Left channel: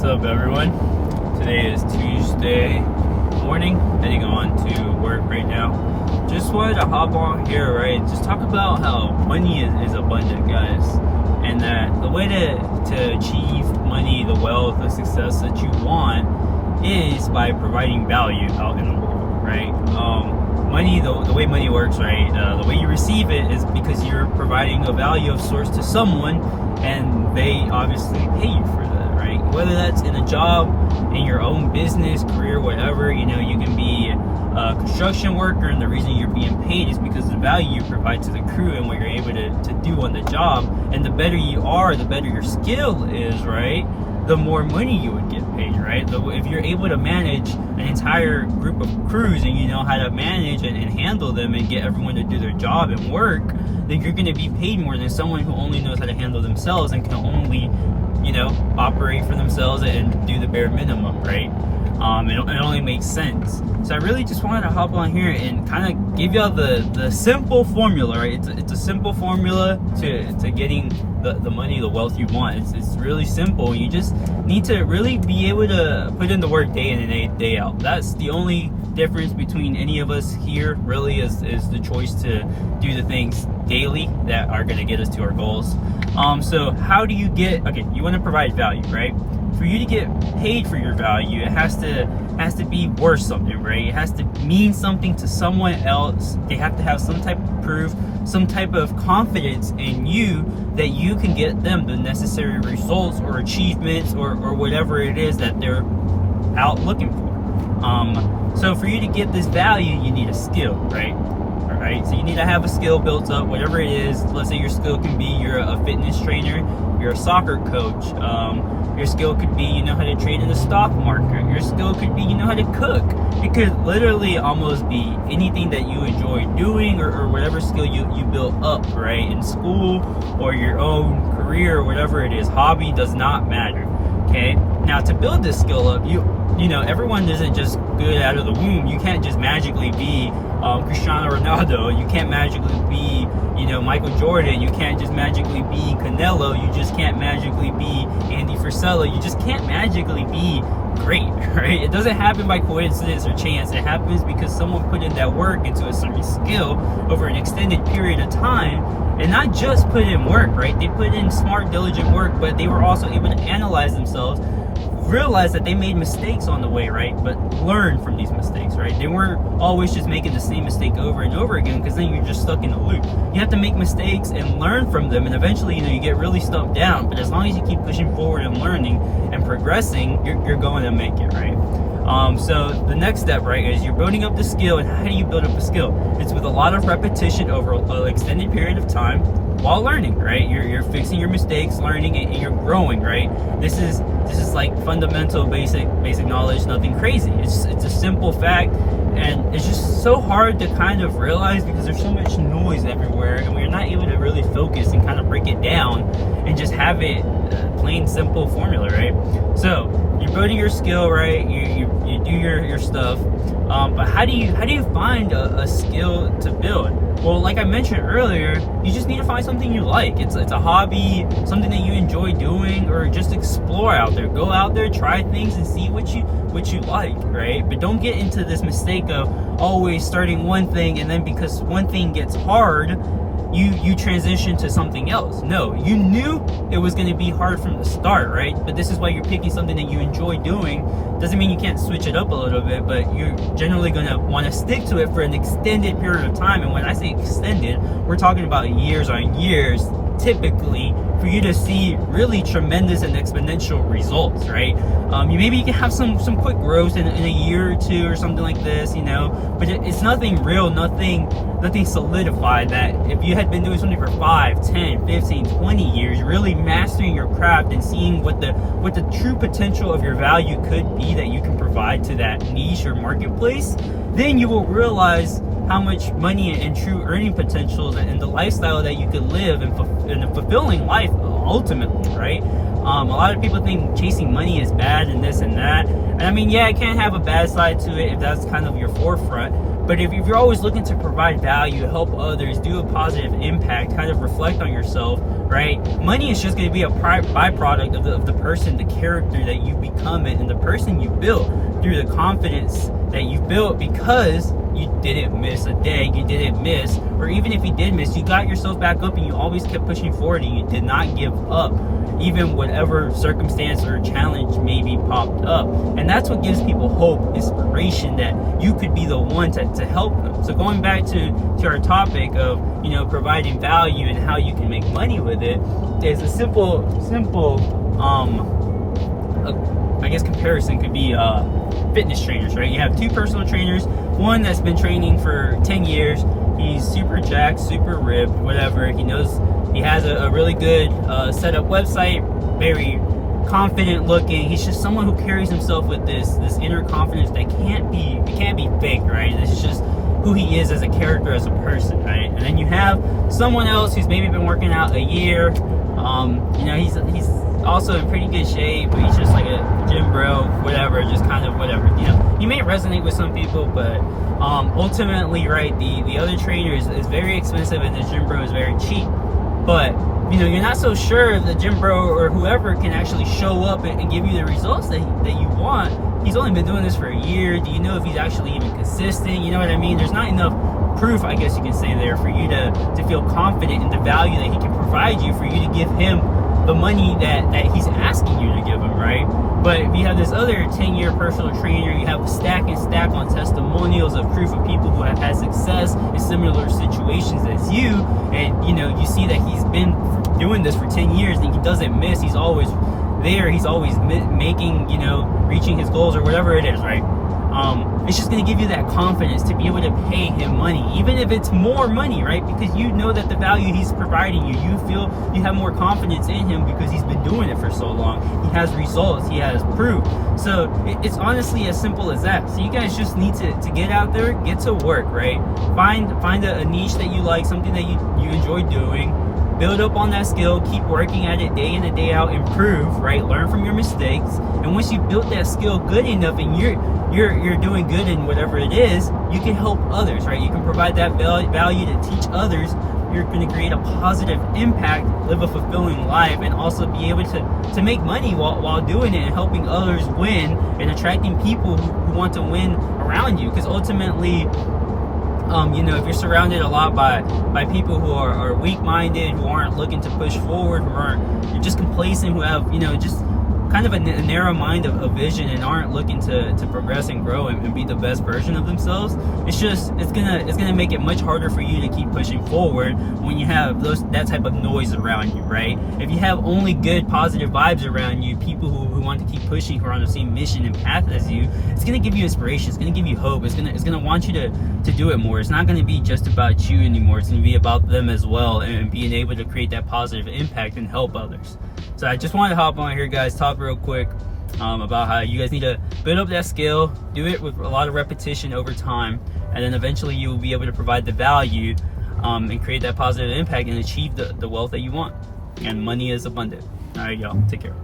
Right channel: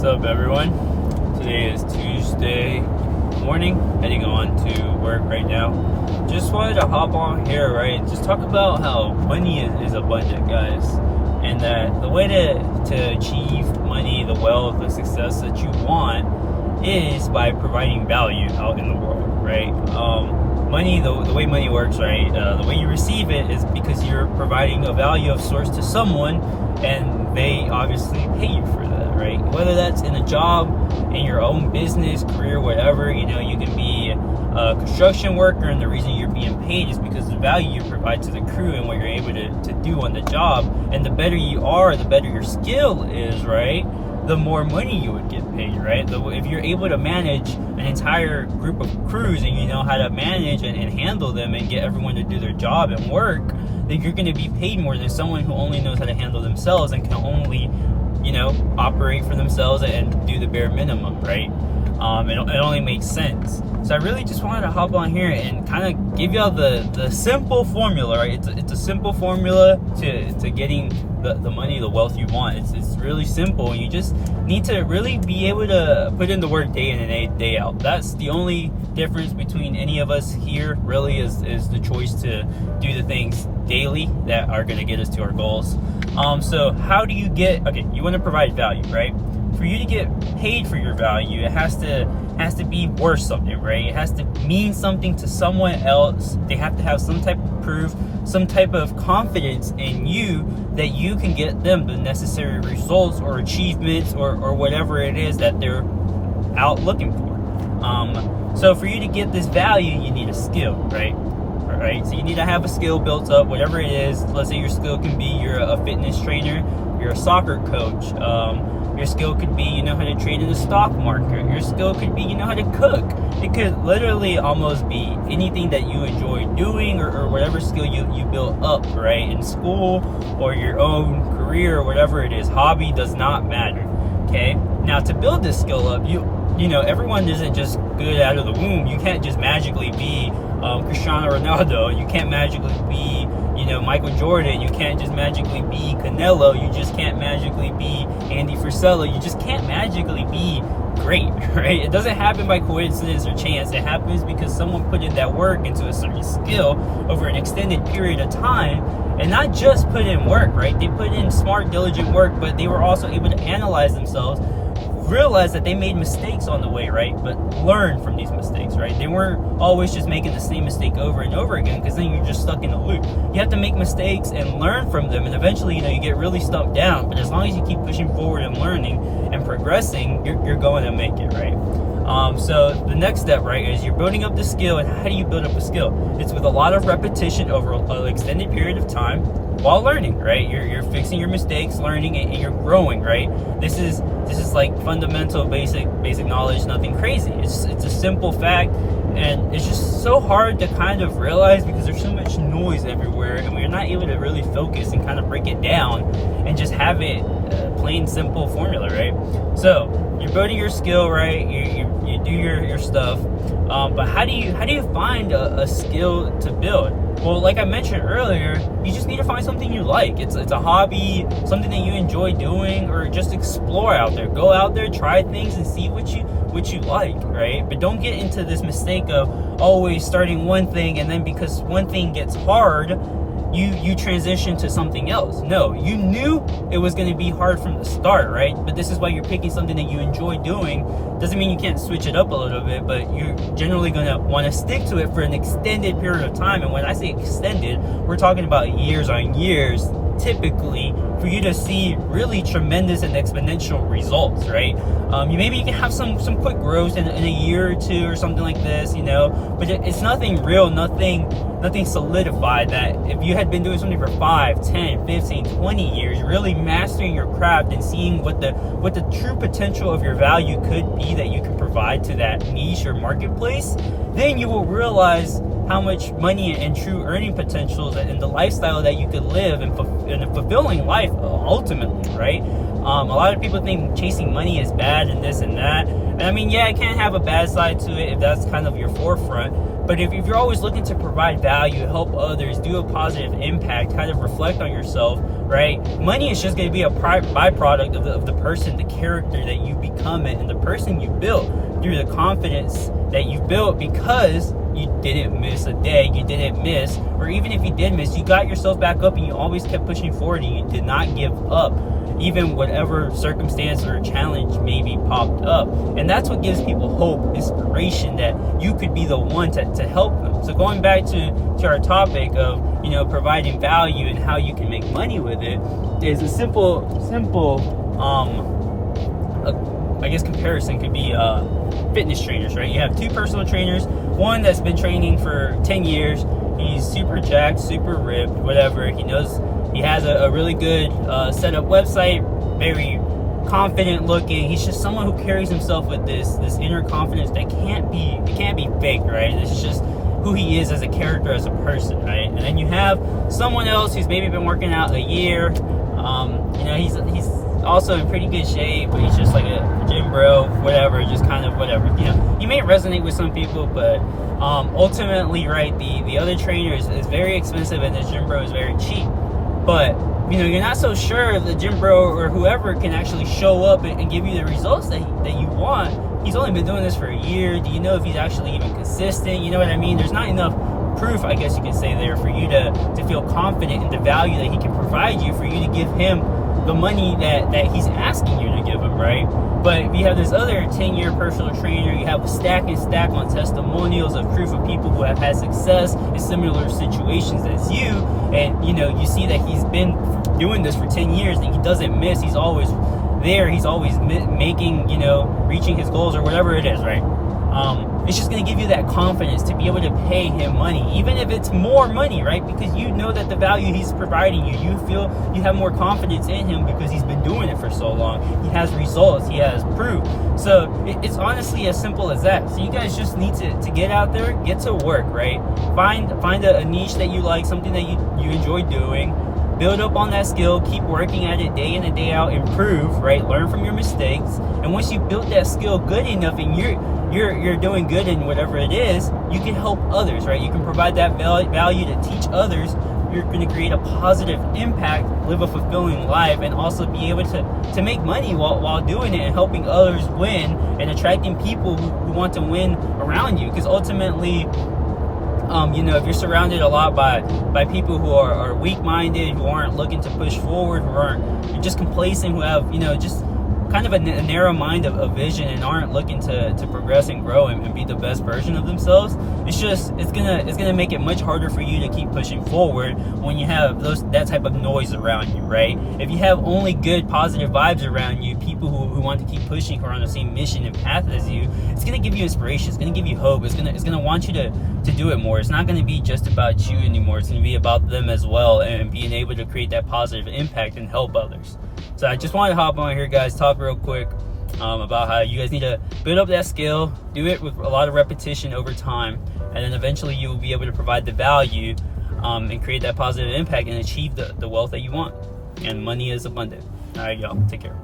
What's up, everyone? Today is Tuesday morning, heading on to work right now. Just wanted to hop on here, right? Just talk about how money is abundant, guys, and that the way to achieve money, the wealth, the success that you want is by providing value out in the world, right? Money, the way money works, right? The way you receive it is because you're providing a value of source to someone, and they obviously pay you for that, right? Whether that's in a job, in your own business, career, whatever, you can be a construction worker, and the reason you're being paid is because of the value you provide to the crew and what you're able to do on the job. And the better you are, the better your skill is, right? The more money you would get paid, right? If you're able to manage an entire group of crews and you know how to manage and handle them and get everyone to do their job and work, then you're going to be paid more than someone who only knows how to handle themselves and can only, operate for themselves and do the bare minimum, right? It only makes sense. So I really just wanted to hop on here and kind of give y'all the simple formula, right? It's a simple formula to getting the money, the wealth you want. It's really simple. You just need to really be able to put in the work day in and day out. That's the only difference between any of us here, really, is the choice to do the things daily that are going to get us to our goals. So how do you you want to provide value, right? For you to get paid for your value, it has to be worth something, right? It has to mean something to someone else. They have to have some type of proof, some type of confidence in you that you can get them the necessary results or achievements or whatever it is that they're out looking for. So for you to get this value, you need a skill, right? All right. So you need to have a skill built up, whatever it is. Let's say your skill can be you're a fitness trainer, you're a soccer coach. Your skill could be you know how to trade in the stock market. Your skill could be you know how to cook. It could literally almost be anything that you enjoy doing or whatever skill you build up, right? In school or your own career or whatever it is. Hobby does not matter. Okay. Now to build this skill up, everyone isn't just good out of the womb. You can't just magically be Cristiano Ronaldo. You can't magically be Michael Jordan. You can't just magically be Canelo. You just can't magically be Andy Frisella. You just can't magically be great, right? It doesn't happen by coincidence or chance. It happens because someone put in that work into a certain skill over an extended period of time, and not just put in work, right? They put in smart, diligent work, but they were also able to analyze themselves, realize that they made mistakes on the way, right? But learn from these mistakes, right? They weren't always just making the same mistake over and over again, because then you're just stuck in a loop. You have to make mistakes and learn from them, and eventually, you get really stuck down. But as long as you keep pushing forward and learning and progressing, you're going to make it, right? So the next step, right, is you're building up the skill. And how do you build up a skill? It's with a lot of repetition over an extended period of time while learning, right? You're fixing your mistakes, learning, and you're growing, right? This is like fundamental, basic knowledge, nothing crazy. It's a simple fact, and it's just so hard to kind of realize because there's so much noise everywhere, and we're not able to really focus and kind of break it down and just have it plain simple formula, right? So you're building your skill, right? You do your stuff, but how do you find a skill to build? Well, like I mentioned earlier, you just need to find something you like. It's a hobby, something that you enjoy doing, or just explore out there. Go out there, try things, and see what you like, right? But don't get into this mistake of always starting one thing, and then because one thing gets hard, you transition to something else. No, you knew it was going to be hard from the start, right? But this is why you're picking something that you enjoy doing. Doesn't mean you can't switch it up a little bit, but you're generally going to want to stick to it for an extended period of time. And when I say extended, we're talking about years on years, typically, for you to see really tremendous and exponential results, right? Maybe you can have some quick growth in a year or two or something like this, but it's nothing real, nothing solidified. That if you had been doing something for 5, 10, 15, 20 years, really mastering your craft and seeing what the true potential of your value could be that you can provide to that niche or marketplace, then you will realize how much money and true earning potential and the lifestyle that you could live in a fulfilling life ultimately, right? A lot of people think chasing money is bad and this and that. And I mean, yeah, it can have a bad side to it if that's kind of your forefront. But if you're always looking to provide value, help others, do a positive impact, kind of reflect on yourself, right? Money is just going to be a byproduct of the person, the character that you become, and the person you built through the confidence that you built because you didn't miss a day, you didn't miss, or even if you did miss, you got yourself back up and you always kept pushing forward and you did not give up, even whatever circumstance or challenge maybe popped up. And that's what gives people hope, inspiration, that you could be the one to help them. So going back to our topic of, you know, providing value and how you can make money with it, is a simple I guess comparison could be fitness trainers, right? You have two personal trainers, one that's been training for 10 years, he's super jacked, super ripped, whatever, he knows, he has a really good set up website, very confident looking, he's just someone who carries himself with this inner confidence that can't be fake, right? This is just who he is as a character, as a person, right? And then you have someone else who's maybe been working out a year, you know, he's also in pretty good shape, but he's just like a gym bro, whatever, just kind of whatever, you know. He may resonate with some people, but ultimately, right, the other trainer is very expensive and the gym bro is very cheap. But, you know, you're not so sure if the gym bro or whoever can actually show up and give you the results that you want. He's only been doing this for a year. Do you know if he's actually even consistent? You know what I mean? There's not enough proof, I guess you could say, there for you to feel confident in the value that he can provide you, for you to give him the money that he's asking you to give him, right? But if you have this other 10-year personal trainer, you have a stack on testimonials of proof of people who have had success in similar situations as you, and you know, you see that he's been doing this for 10 years and he doesn't miss, he's always there, he's always making, you know, reaching his goals or whatever it is, right? It's just going to give you that confidence to be able to pay him money, even if it's more money, right? Because you know that the value he's providing you, you feel you have more confidence in him because he's been doing it for so long. He has results, he has proof. So it's honestly as simple as that. So you guys just need to get out there, get to work, right? Find a niche that you like, something that you enjoy doing. Build up on that skill, keep working at it day in and day out, improve, right? Learn from your mistakes. And once you build that skill good enough and you're doing good in whatever it is, you can help others, right? You can provide that value to teach others. You're going to create a positive impact, live a fulfilling life, and also be able to make money while doing it and helping others win and attracting people who want to win around you. Because ultimately, you know, if you're surrounded a lot by people who are weak-minded, who aren't looking to push forward, you're just complacent, who have, you know, just kind of a narrow mind of vision and aren't looking to progress and grow and be the best version of themselves, it's gonna make it much harder for you to keep pushing forward when you have that type of noise around you, right? If you have only good positive vibes around you, people who want to keep pushing, who are on the same mission and path as you, it's gonna give you inspiration, it's gonna give you hope, it's gonna want you to do it more. It's not gonna be just about you anymore, it's gonna be about them as well, and being able to create that positive impact and help others. So I just wanted to hop on here, guys, talk real quick about how you guys need to build up that skill, do it with a lot of repetition over time, and then eventually you will be able to provide the value and create that positive impact and achieve the wealth that you want. And money is abundant. All right, y'all, take care.